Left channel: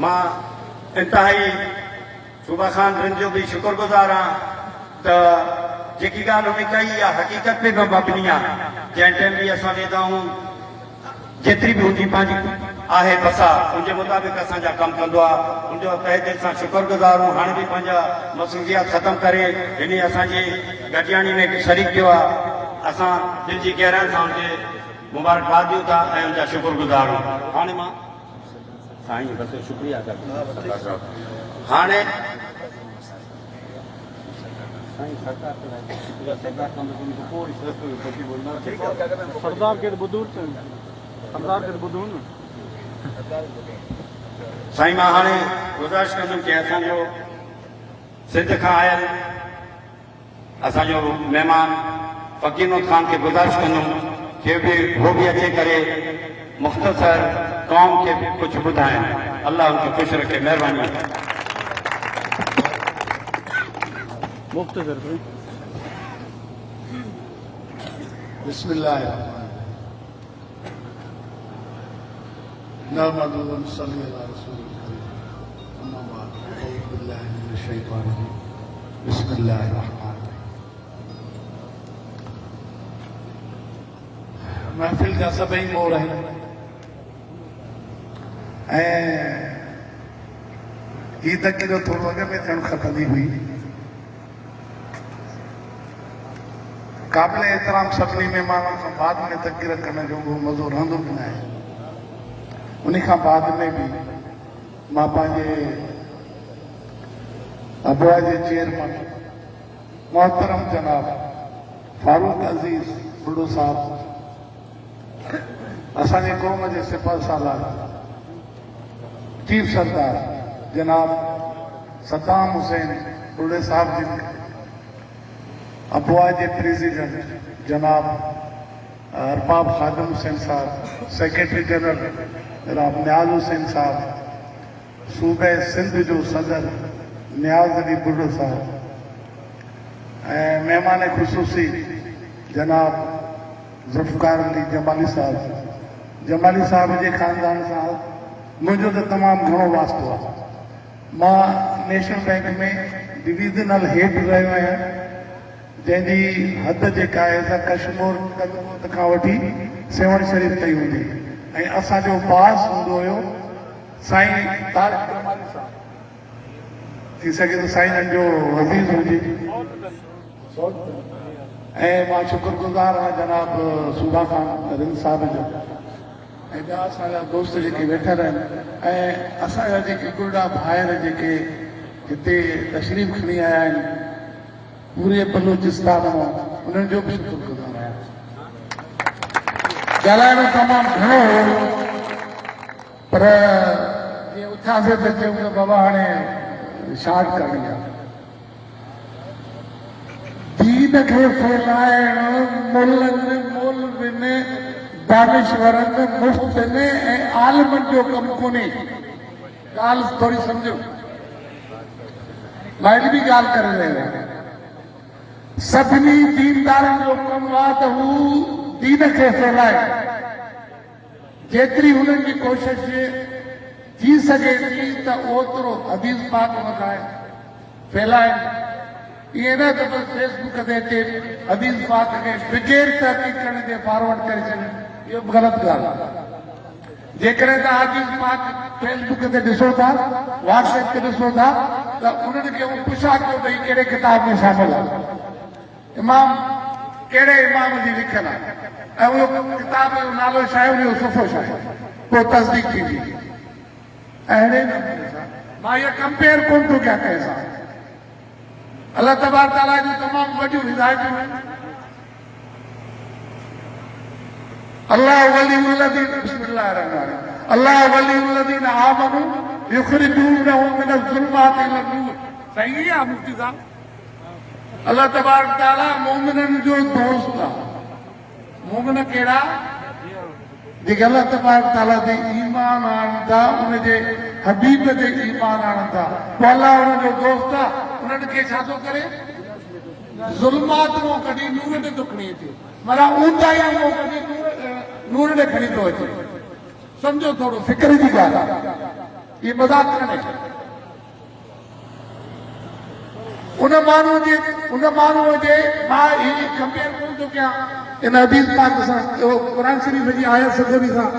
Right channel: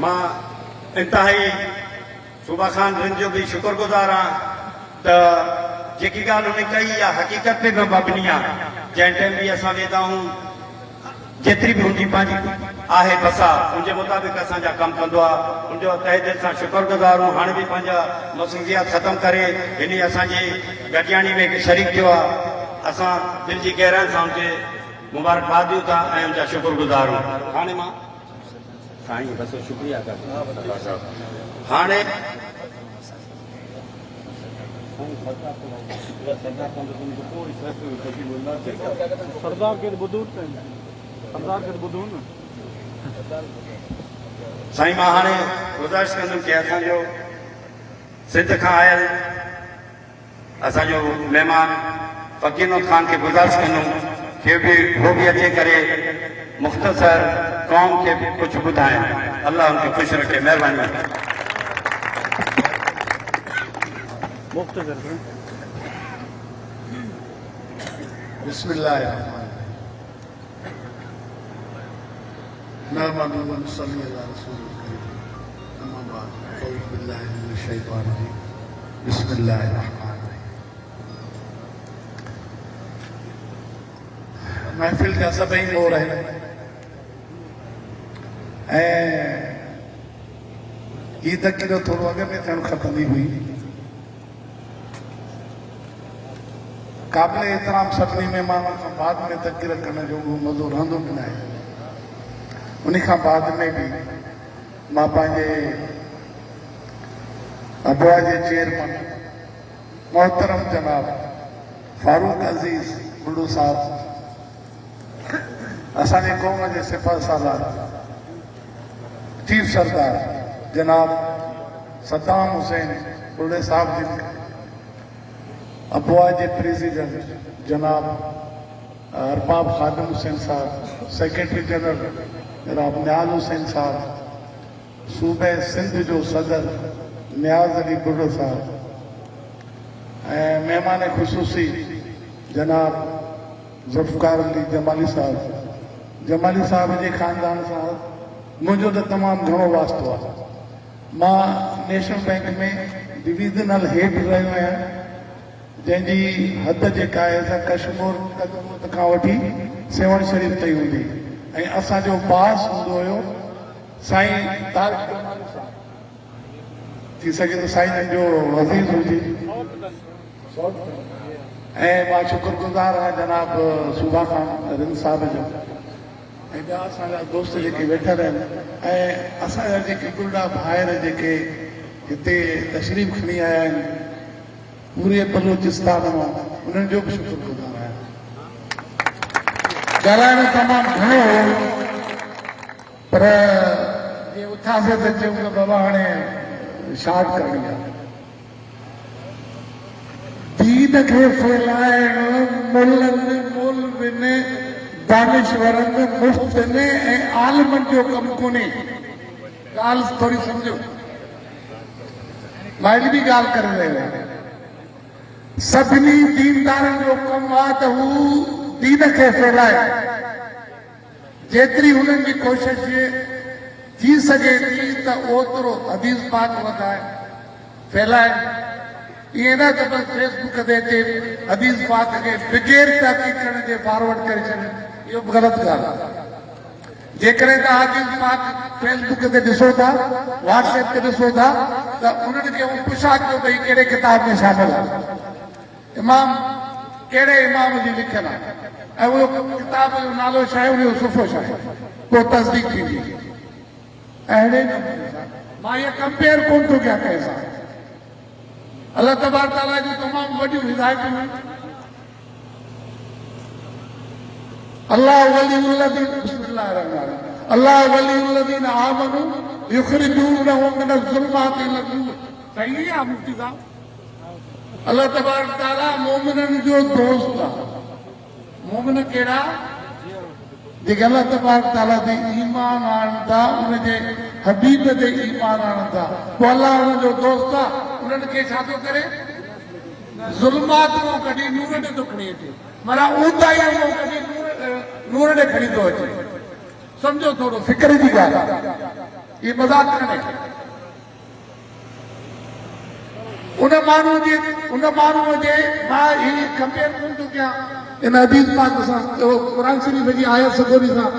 मां इंतहाई सूबा खान रिन जो भी शुक्रगुजार हाँ तो जेकी गाल उन्हें कही या हकीकत पे भी मबनी है जैं टाइम भी असां वेंदा आहियूं जेतिरी भी उनकी पंहिंजी आहे बसा उनके मुताबिक असांजा कम कंदो आहे उनजो तहे दिल सां शुक्रगुजार हूं हाणे भी पंहिंजा मसरूफियात ख़त्म करे हिन असांजी गॾियाणी में शरीक थियो आहे असां दिल जी गहराई सां उनके मुबारकबाद ॾियूं था ऐं उनजा शुक्रगुजार हूं हाणे मां साईं बस शुक्रिया अदा कयां हाणे सरदार के बुधूर साईं मां हाणे गुज़ारिश कंदुमि कि असांजो सिंध खां आयल असांजो महिमान फ़कीर खान खे गुज़ारिश कंदुमि कि वो भी अचे करे मुख़्तसर कौम खे कुछ ॿुधाइनि अल्लाह उनखे ख़ुशि रखे महिरबानी मुख्तसर बिस्मिल्लाह नहमदुहु व नसल्ली अला रसूलिल करीम अम्मा बाद अऊज़ु बिल्लाहि मिनश शैतानिर रजीम बिस्मिल्लाहिर रहमानिर रहीम महफ़िल जा सभई मोर आहिनि ऐं हीअ तक़रीर थोरो अॻ में थियणु खपंदी हुई क़ाबिल एतिराम सभिनी महिमाननि खां बाद में तक़रीर करण जो मज़ो रहंदो बि न आहे उन खां बाद में भी मां पंहिंजे अबुआ जे चेयरमैन मोहतरम जनाब फारूक अज़ीज़ बुढ़ो साहब असांजे क़ौम जे सिपह सालार चीफ सरदार जनाब सद्दाम हुसैन बुढ़े साहब जी अबुआ जे प्रेसिडेंट जनाब अरबाब खादिम हुसैन साहब सेक्रेटरी जनरल जनाब नियाज़ हुसैन साहब सूबे सिंध जो सदर नियाज़ अली बुढ़ो साहब ऐं महिमान ख़ुसूसी जनाब ज़ुल्फ़िकार अली जमाली साहब जे ख़ानदान सां मुंहिंजो त तमामु घणो वास्तो आहे मां नेशनल बैंक में डिवीज़नल हेड रहियो आहियां जंहिंजी हद जेका आहे त कश्मीर कदमत खां वठी सेवण शरीफ़ ताईं हूंदी ऐं असांजो बास हूंदो हुयो साईं तारिक जमाली साहब थी सघे त साईं जो वज़ीर हुजे ऐं मां शुक्रगुज़ार आहियां जनाब सूबा खान रिन साहब जो ऐं ॿिया असांजा दोस्त जेके वेठल आहिनि ऐं असांजा जेके गुरडा भाइर जेके हिते तशरीफ़ खणी आया आहिनि पूरे बलूचिस्तान मां उन्हनि जो बि शुक्रगुज़ार आहियां ॻाल्हाइण तमामु घणो हुयो पर जे उथासीं त चयूं त बाबा हाणे शार्ट करणी आहे दीन खे फैलाइण मुल्हनि मौलवियुनि दानिशवरनि मुफ़्त में ऐं आलिमनि जो कमु कोन्हे ॻाल्हि थोरी सम्झो मां हिकु बि ॻाल्हि करे रहियो आहियां सभिनी दीनदारनि जो कमु आहे त हू दीन खे फैलाए जेतिरी हुननि जी कोशिश थी सघे थी त ओतिरो हदीस पाक वधाए फैलाए ईअं न त बसि फेसबुक ते अचे हदीस पाक खे बग़ैर तहक़ीक़ करण जे फॉरवर्ड करे छॾे इहो ग़लति ॻाल्हि आहे जेकॾहिं तव्हां हदीस पाक फेसबुक ते ॾिसो था व्हाट्सएप ते ॾिसो था त उन्हनि खे उहो पुछा कयो भई कहिड़े किताब में शामिल आहे इमाम कहिड़े इमाम जी लिखियल आहे ऐं उहो किताब जो नालो छा आहे उनजो सुठो छा आहे को तस्दीक थींदी ऐं अहिड़े नमूने सां मां इहा कंपेयर कोन थो कयां कंहिं सां अल्लाह तबारक ताला जूं तमामु वॾियूं हिदायतूं आहिनि अल्लाह वलीउल्लज़ीन आमनू युखरिजूनहुम मिनज़्ज़ुलुमाति इलन-नूर सही आहे मुफ्ती साहब अल्लाह तबारक ताला मोमिननि जो दोस्त आहे मोमिन कहिड़ा जेके अल्लाह तबारक ताला ते ईमान आणनि था उनजे हबीब ते ईमान आणनि था पोइ अल्लाह उनजो दोस्त आहे उन्हनि खे छा थो करे ज़ुल्मात मां कढी नूर ॾे थो खणी अचे माना ऊंदाई मां कढी नूर ॾे खणी थो अचे सम्झो थोरो फिक्र जी ॻाल्हि आहे ये मजाक कान्हे। उन माण्हूअ जे मां हीअ कंपेयर कोन थो कयां इन हदीस पाक सां, क़ुरान शरीफ़ जी आयत सगोरी सां,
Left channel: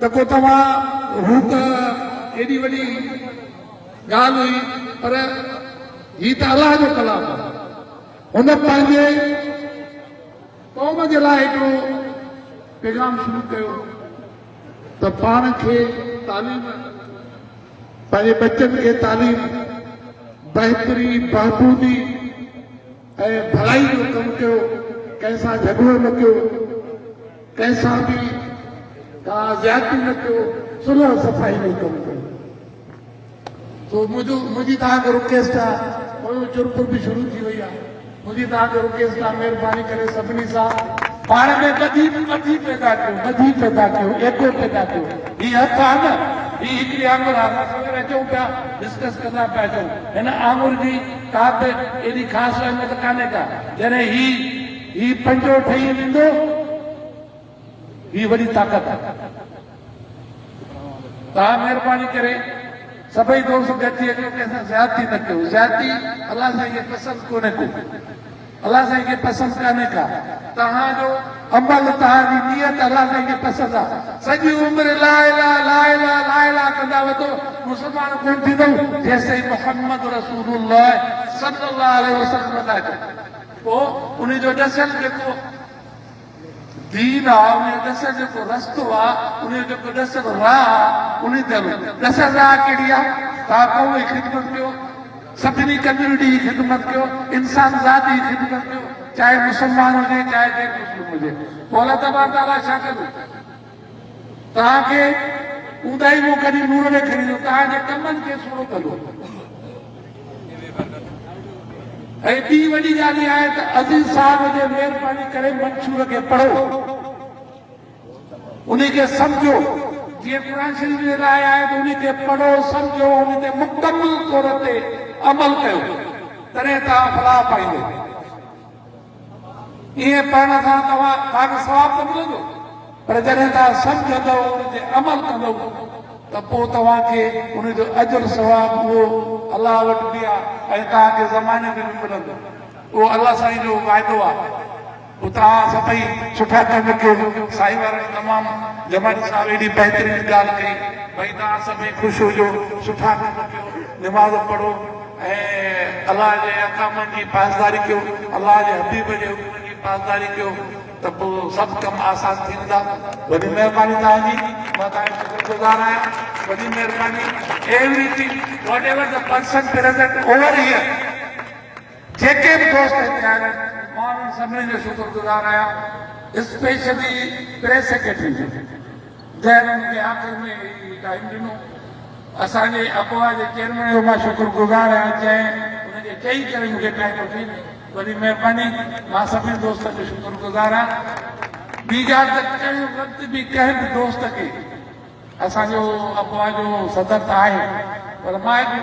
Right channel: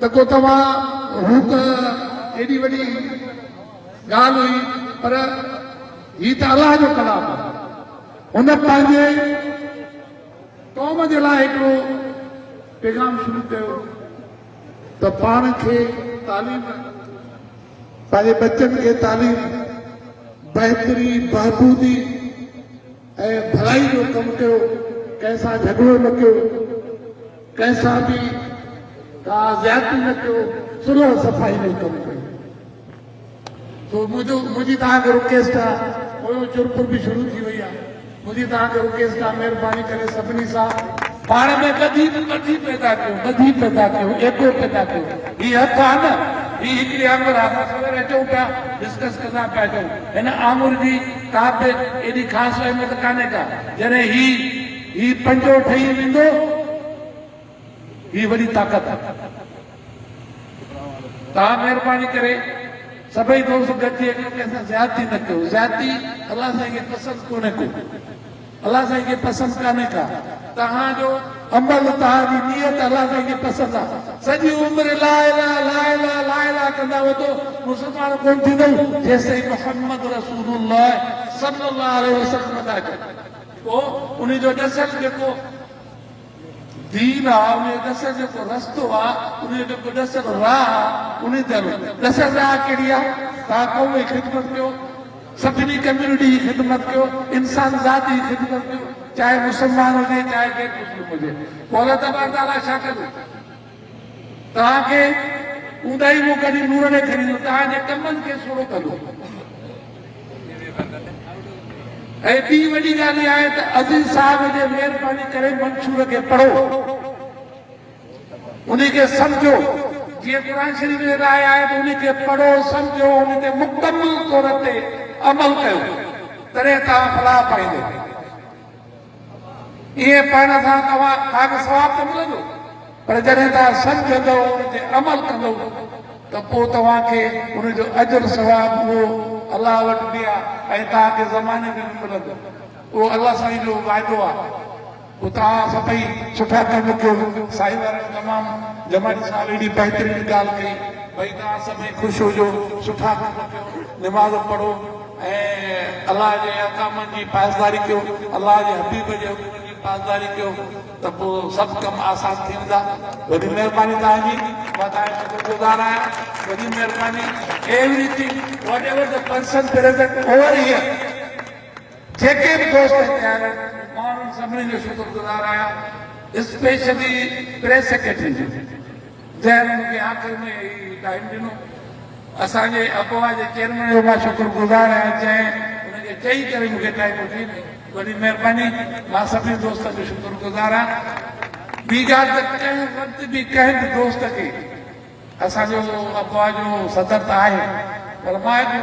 त को तव्हां हू त एॾी वॾी ॻाल्हि हुई, पर हीउ त अलाह जो कलाम आहे। हुन पंहिंजे क़ौम जे लाइ हिकिड़ो पैगाम शुरू कयो त पाण खे तालीम, पंहिंजे बच्चनि खे तालीम, बहितरी, बहबूदी ऐं भलाई जो कमु कयो, कंहिंसां झगड़ो न कयो, कंहिंसां बि का ज़्यादती न कयो, सुलह सफ़ाई जो कमु कयो। तो मुंहिंजी तव्हांखे रिक्वेस्ट आहे, मुंहिंजो चुरपुर बि शुरू थी वई आहे, मुंहिंजी तव्हांखे रिक्वेस्ट आहे, महिरबानी करे सभिनी सां पाण में ॿधी पैदा कयो, एको पैदा कयो। हीअ हथ आहे न, हीअ हिकिड़ी आङुर आहे, असां सवेरे अचूं पिया डिस्कस कंदा पिया अचूं, हिन आङुर जी का बि एॾी ख़ासि अहमियत कान्हे का। जॾहिं ही पंजो ठही वेंदो, ही वॾी ताक़त आहे। तव्हां महिरबानी करे सभई दोस्त गॾिजी अचो, कंहिंसां ज़्यादती न कयो। ज़्यादती अलाह साईं खे पसंदि कोन्हे को, अलाह साईं खे पसंदि कान्हे का। तव्हांजो अमल, तव्हांजी नियत अलाह साईं खे पसंदि आहे। सॼी उमिरि ला इलाहा कंदा वधो, मुस्लमान कोन थींदो जेसिताईं मुहम्मद रसूलुल्लाह सल्लल्लाहु अलैहि वसल्लम था अचनि। पोइ उन जो ॾसियल जेको दीन आहे, उन जो ॾसियल जेको रस्तो आहे, उन जो जेको ॾसियल राह आहे, उन ते ॾसियल राह कहिड़ी आहे? तव्हां क़ौम जी ख़िदमत कयो, सभिनी कम्यूनिटी जी ख़िदमत कयो, इंसान ज़ात जी ख़िदमत कयो, चाहे मुस्लमान हुजे चाहे गैर मुस्लिम हुजे। पोइ अलाह तबारक ताला छा कंदो? तव्हांखे ऊंदाई मूं कॾहिं नूर ॾे खणींदो, तव्हांजे कमनि खे थोरो कंदो। ऐं ॿी वॾी ॻाल्हि आहे त अज़ीज़ साहिब जे महिरबानी करे मंशूर खे पढ़ो, उन खे सम्झो। जीअं क़ुरान शरीफ़ जे लाइ आहे त उन खे पढ़ो, सम्झो, उन ते मुकमल तौर ते अमल कयो, तॾहिं तव्हां फलाह पाईंदो। इएं पाण सां तव्हांखे सवाब त मिलंदो, पर जॾहिं तव्हां सम्झंदो, उन ते अमल कंदो, त पोइ तव्हांखे उनजो अजर सवाब उहो अलाह वटि बि आहे ऐं तव्हांखे ज़माने में बि मिलंदो। उहो अलाह साईं जो वाइदो आहे। पोइ तव्हां सभई सुठा कम कयो। साईं वारनि तमामु जमाल साहिब एॾी बहितरीन ॻाल्हि कई, भई तव्हां सभई ख़ुशि हुजो, सुठा कम कयो, निमाज़ पढ़ो ऐं अलाह जे अहकामनि जी पासदारी कयो, अलाह जे हबीब जे हुकुमनि जी पासदारी कयो, त पोइ सभु कम आसान थी वेंदा। वॾी महिरबानी तव्हांजी, मां तव्हांजो शुक्रगुज़ार आहियां। वॾी महिरबानी। Everything what ever the person present over here, जेके बि दोस्त हिते आया, मां उन्हनि सभिनी जो शुक्रगुज़ार आहियां, स्पेशली प्रेस सेक्रेटरी जो, जंहिं मूंखे आख़िर में टाइम ॾिनो। असांजे अपोहा जे चेयरमैन जो मां शुक्रगुज़ार आहियां, जंहिं हुनखे चई करे मूंखे टाइम ॾिनी। वॾी महिरबानी। मां सभिनी दोस्तनि जो शुक्रगुज़ार आहियां। ॿी ॻाल्हि त कंहिं वक़्तु बि कंहिं बि दोस्त खे, असांजो अपोहा जो सदर त आहे, पर मां हिकु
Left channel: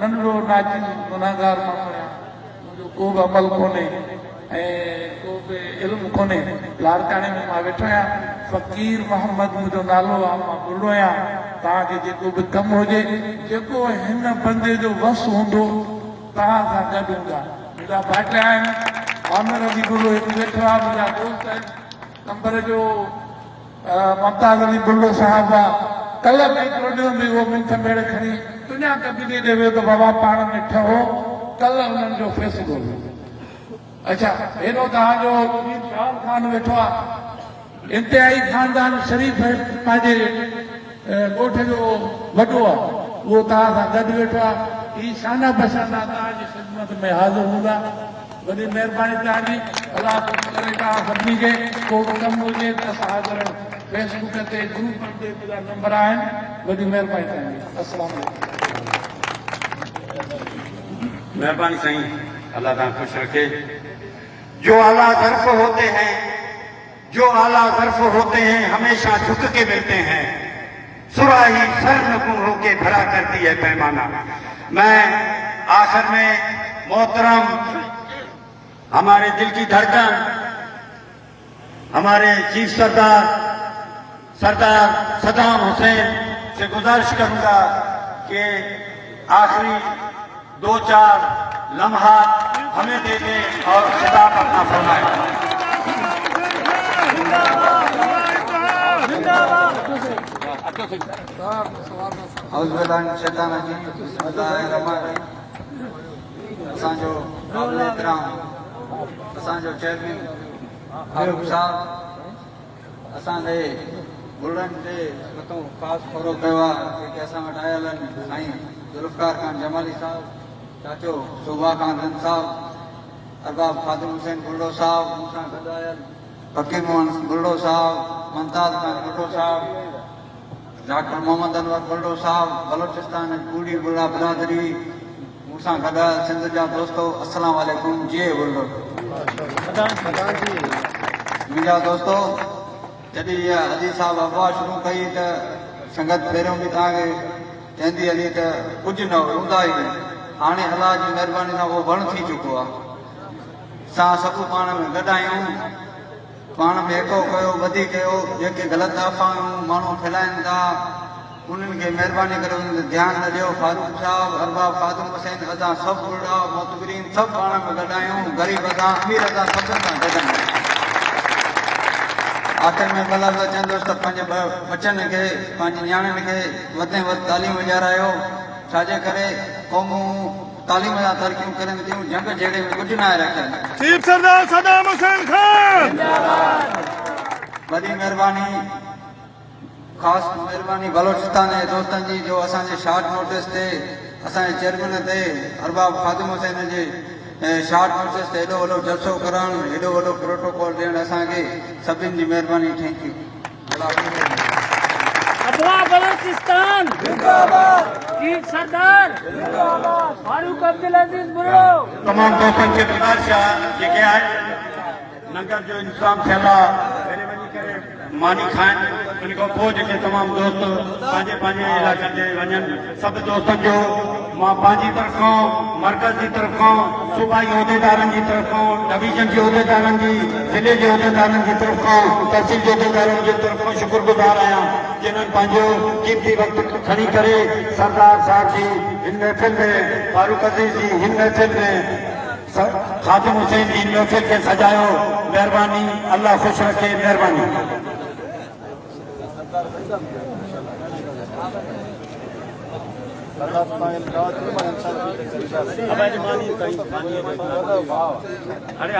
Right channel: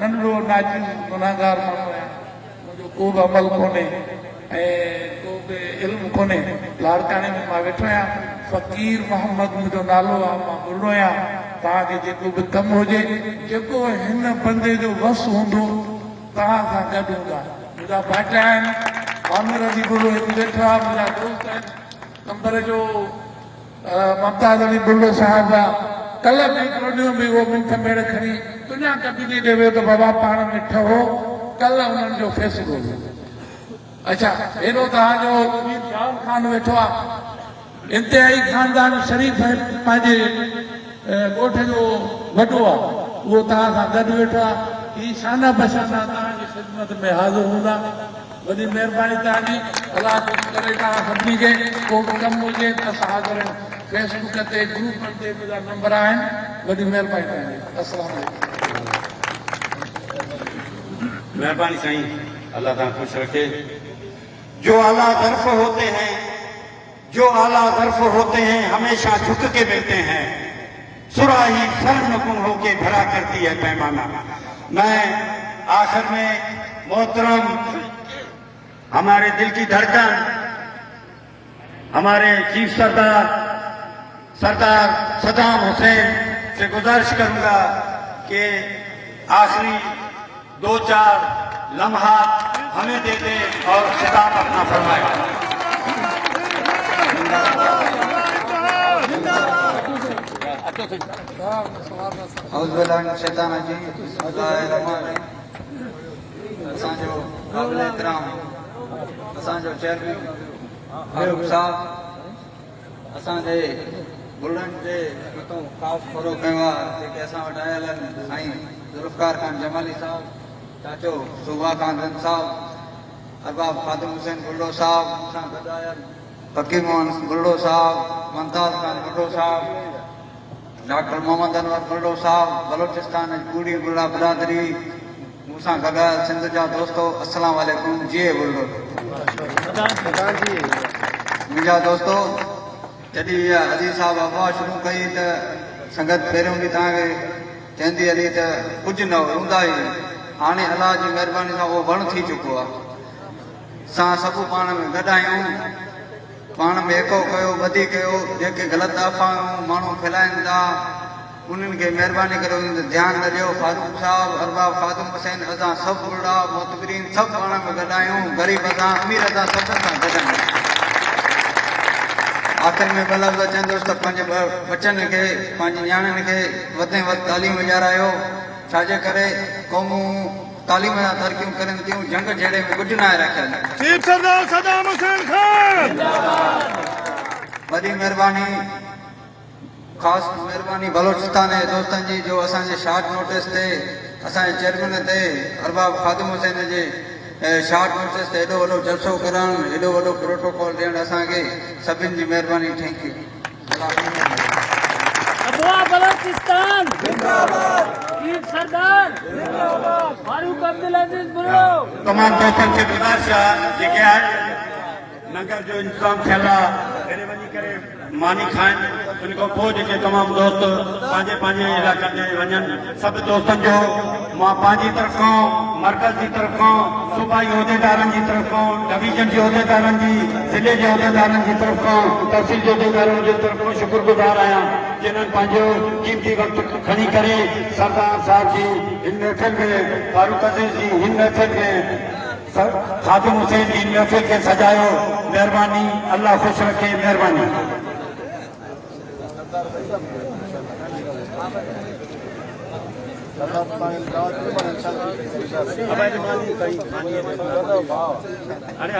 नंढिड़ो नाचीज़ गुनाहगार माण्हू आहियां, मुंहिंजो को बि अमल कोन्हे ऐं को बि इल्मु कोन्हे। लाड़काणे में मां वेठो आहियां, फ़कीर मोहम्मद मुंहिंजो नालो आहे, मां ॿुढो आहियां। तव्हांखे जेको बि कमु हुजे, जेको हिन बंदे जो वस हूंदो, तव्हां सां गॾु हूंदा। मुंहिंजा भाइटा आहिनि, आमिर अली बुलो हिकु वेठो आहे, मुंहिंजा दोस्त आहिनि, अंबर जो ममताज़ अली बुलो साहिबु आहे। कल्ह बि हिकिड़ो ॾींहुं बि उहो मिंट मेड़ खणी दुनिया कबीले ॾे वियो त बाबा पाण में ठहो, कल्ह हुननि जो फ़ैसिलो हुयो। अच्छा, हेॾो तव्हांजो शाह ख़ान वेठो आहे, इंतिहाई ख़ानदान शरीफ़ पंहिंजे ॻोठ जो वॾो आहे, उहो तव्हां सां गॾु वेठो आहे। ही शाना बशाना तव्हांजी ख़िदमत में हाज़िर हूंदा। वॾी महिरबानी तव्हांजी। अलाह करे तव्हां सभिनी खे को बि कमु हुजे त असां हाज़िर आहियूं। फेसबुक ते, ग्रुप ते मुंहिंजा नंबर आहिनि। वॾी महिरबानी तव्हांजी। अस्सलाम वालेकुम। मेहरबानी साईं, अल्लाह ताला खुश रखे। जो आला ज़र्फ़ होते हैं हमेशा झुक के मिलते हैं, सुराही फर्म गुम होके भरा करती है पैमाना। मैं आखिर में मोहतरम हमारे दिल की धड़कन, हमारे चीफ सरदार सद्दाम हुसैन से गुजारिश करूंगा कि आखिरी 2-4 लम्हात हमें दे दे और खिताब अपना फरमाए। असांजो क़ाबिल एतिराम असांजो चेयरमैन फारूक साहब असांजे गुलनि जे मथां ख़ासि थोरो कयो आहे जेके असां वटि आयल आहिनि साईं ज़ुल्फ़कार ख़ान जमाली साहब, चाचो शोभा ख़ान रंज साहब, अरबाब ख़ादिम हुसैन बुल्लो साहब, मूंसां गॾु आयल फकीर मोहन बुल्लो साहब, मुमताज़ खान बुल्लो साहब, डॉक्टर मोहम्मद अनवर बुल्लो साहब, बलोचिस्तान पूरी बुल्ला बिरादरी, मूंसां गॾु आयल सिंध जा दोस्तो, अस्सलाम वालेकुम, जी बुल्लो। मुंहिंजा दोस्तो, जॾहिं इहा अज़ीज़ साहब अफ़वाह शुरू कई त संगत पहिरियों बि तव्हांखे चवंदी हली त कुझु न हूंदा ई हाणे अलाह जी महिरबानी सां उहो वण थी चुको आहे। असां सभु पाण में गॾु आहियूं, पाण में एको कयो, ॿधी कयो, जेके ग़लति अफ़वाहूं माण्हू फैलाइनि था उन्हनि खे महिरबानी करे उन्हनि ते ध्यानु न ॾियो। फारूक साहब, अरबाब ख़ादिम हुसैन, असां सभु बुढ़ा मोतबरीन सभु पाण में गॾु आहियूं, ग़रीब सां अमीर सां सभिनि सां गॾु आहियूं। आख़िर में मतिलबु चवंदुसि त पंहिंजे बचनि खे पंहिंजी नियाणियुनि खे वधि में वधि तालीम ॾियारायो, छाजे करे क़ौमूं तालीम सां तरक़ियूं कनि थियूं, जंग जहिड़े में कुझु न आहे रखियलु। वॾी महिरबानी, ख़ासि महिरबानी बलोचिस्तान जे दोस्तनि जी जो असांजे शॉर्ट नोटिस ते असांजे चेयरमैन ते अरबाब ख़ादिम हुसैन जे शॉर्ट नोटिस ते एॾो वॾो जलसो करणु, एॾो वॾो प्रोटोकॉल ॾियणु असांखे सभिनि जी महिरबानी। Thank you. बलोचिस्तान जिंदाबाद, चीफ सरदार जिंदाबाद, फारूक अब्दुल अजीज बुल्लो। तमाम दोस्तनि खे गुज़ारिश आहे जेके आहिनि लंगर जो इंतज़ाम थियल आहे वञी करे मानी खाइनि, उन खां पोइ जेके तमामु दोस्त पंहिंजे पंहिंजे इलाइक़नि ते वञनि, सभु दोस्तनि जो मां पंहिंजी तरफ़ां, मर्कज़ जी तरफ़ां, सूबाई उहिदेदारनि जी तरफ़ां, डिवीज़न जे उहिदेदारनि जी, ज़िले जे उहिदेदारनि जी तरफ़ां, तहसील जे उहिदेदारनि जी तरफ़ां शुक्रगुज़ार आहियां जिन्हनि पंहिंजो क़ीमती वक़्तु खणी करे सरदार साहिब जी हिन महफ़िल में, फारूक अज़ीज़ जी हिन महफ़िल में, ख़ादिम हुसैन जी हिन महफ़िल खे सजायो। महिरबानी, अल्लाह ख़ुशि रखे। महिरबानी। अरे